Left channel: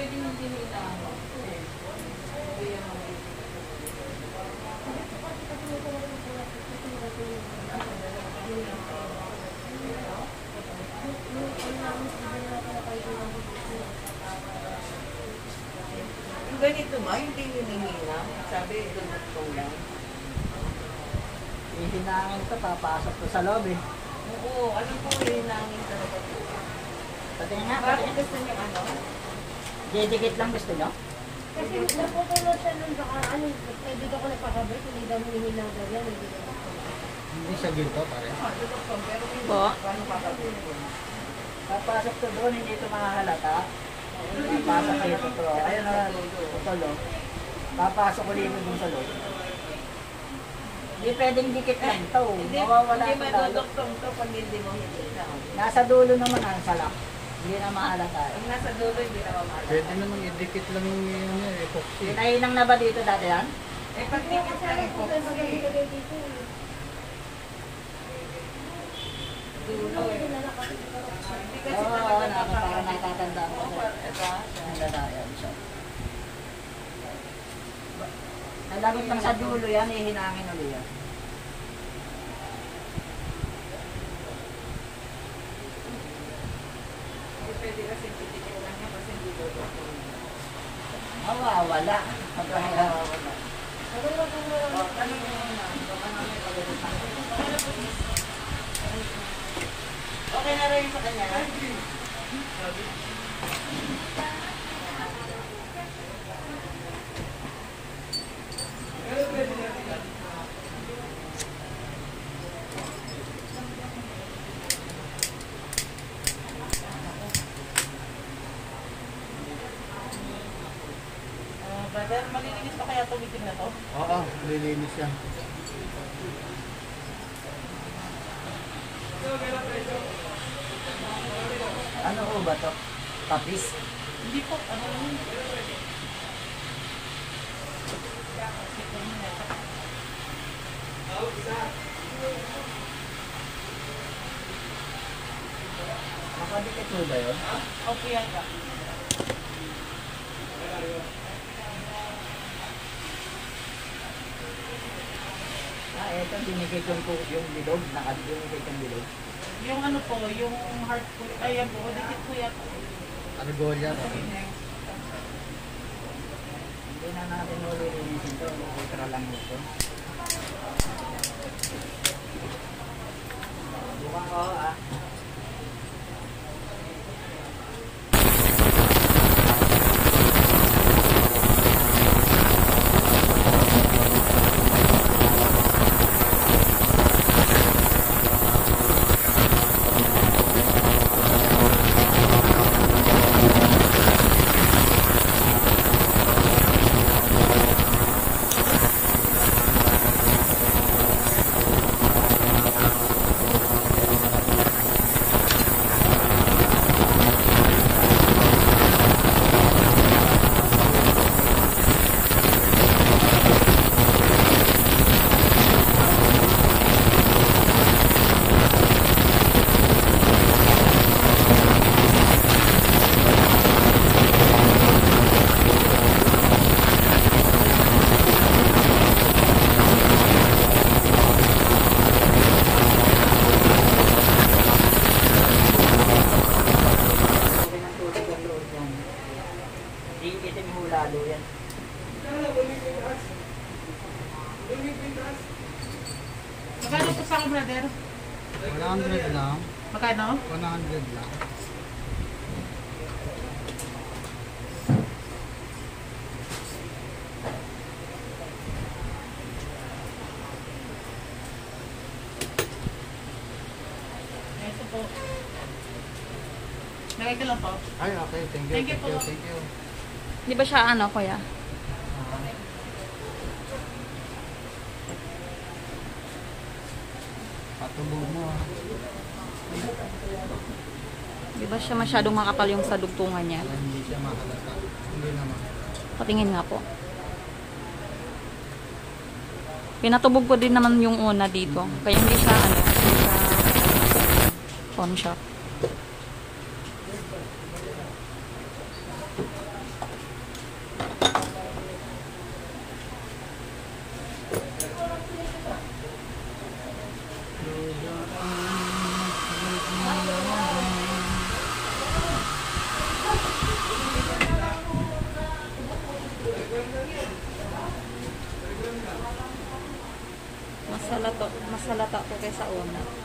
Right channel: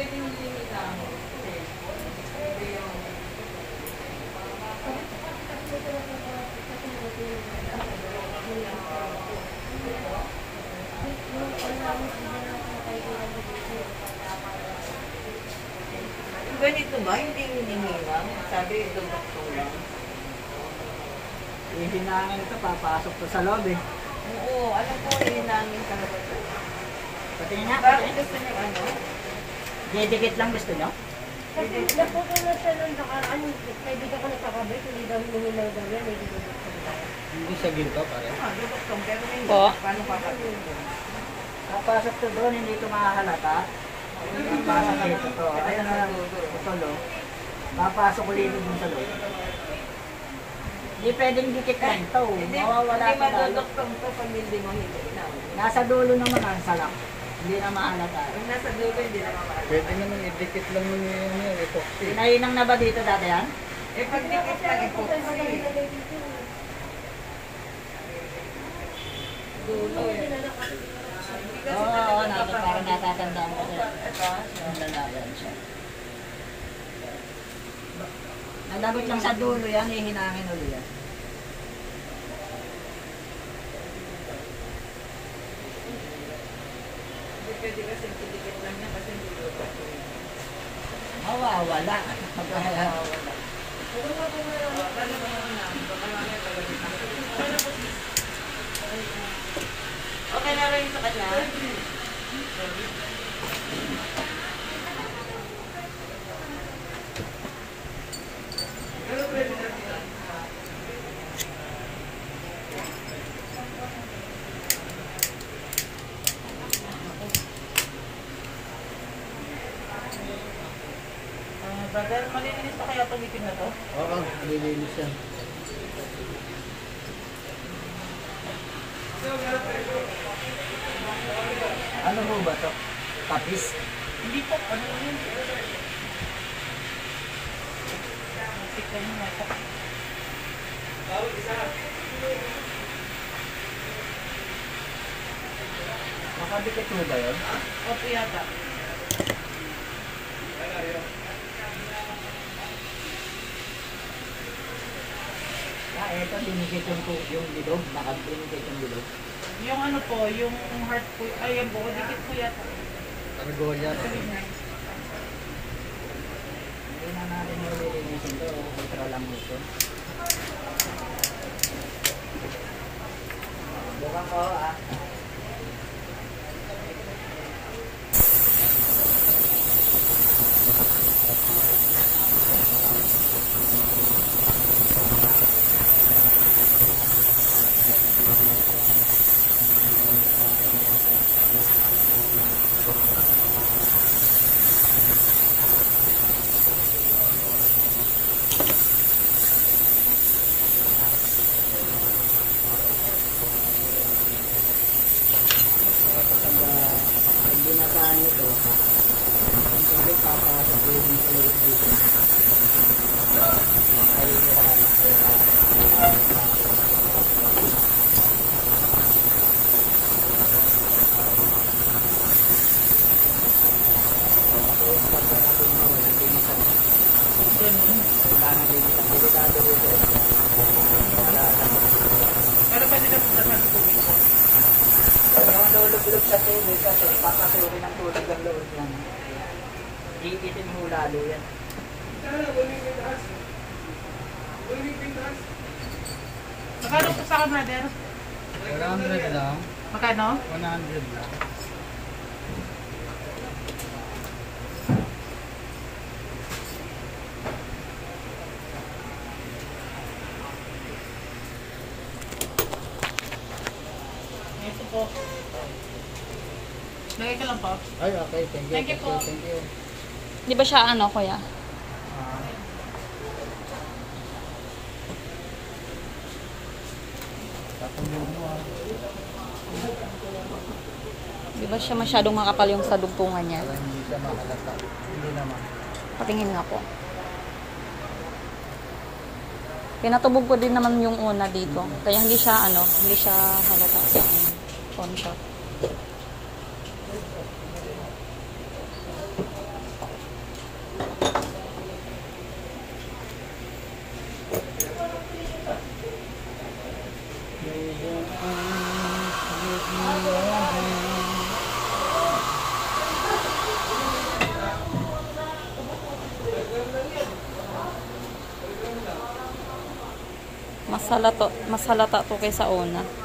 pwede hindi nila. Ganito ba? Hindi hinihinang? Sabi, dumutong lang. Hihinangin ito, papasok to sa loob eh. Oo, alam ko hihinangin talaga. Patingin nga, Bakit patingin. gusto niya ano? Didikit lang gusto mo? Kasi naputulad siya nung kaibigan ko nagpakabay, hindi daw hinihilaw daw yan, hindi daw. Hindi sa ginto, pare. Dumutong, pero hindi. Po? Paano kakatulog? Papasok to doon, hindi ito makahalata. Papasok dito to. Ayun na, ito lo. Papasok ulit dun sa loob. Hindi pwedeng dikit lang ito. Mawawala Hindi ka lalo. maduduktong to pag hindi mo hinihinaw. Nasa dulo naman ang salak. Hindi na mahalata. Pag nasa dulo, hindi na mamahal. Pwede naman idikit lang yung epoxy. Pinahinang na ba dito dati yan? Eh, pag dikit lang epoxy. Dulo eh. Hindi kasi Oo, talaga parang natatandaan ko siya. Ito. Ang lalayan siya. Nalabot lang sa dulo yan, ihinangin ulit yan. Hindi pwede kasi dikit lang yan kasi hindi duduktong. Mawawala. Wala. Lalo na yun na. Baka mamaya pagdating na. Okay na rin sa kanya. Brother, malilinis pa kaya itong itim na to? Oo, lilinis yan. Ano ho ba to? Tapis? Hindi po, ano yun? Tignan mo ito. Makadikit mo ba yun? Opo yata. Ito, dinikit yung bilog. Nakadinikit yung bilog. Yung ano po, yung heart po, ayan po, dikit po yata. Argolla. Hindi na natin ulilinisin ito. Ultra lang ito. Bukan ko ah. Iitin mo lalo yan. Magkano po sa akin, brother? 100 lang. Magkano? 100 lang. Ito po. Lagay ka lang po. Ay, okay. Thank you. Thank you po. Thank you. Di ba siya ano, kuya? Patuloy mo ah. Di ba siya masyadong makapal yung sa dugtungan niya? Para hindi siya makalata. Hindi naman. Patingin nga po. Pinatubog ko din naman yung una dito. Kaya hindi siya ano, hindi siya phone shop. Mas halata to kaysa una.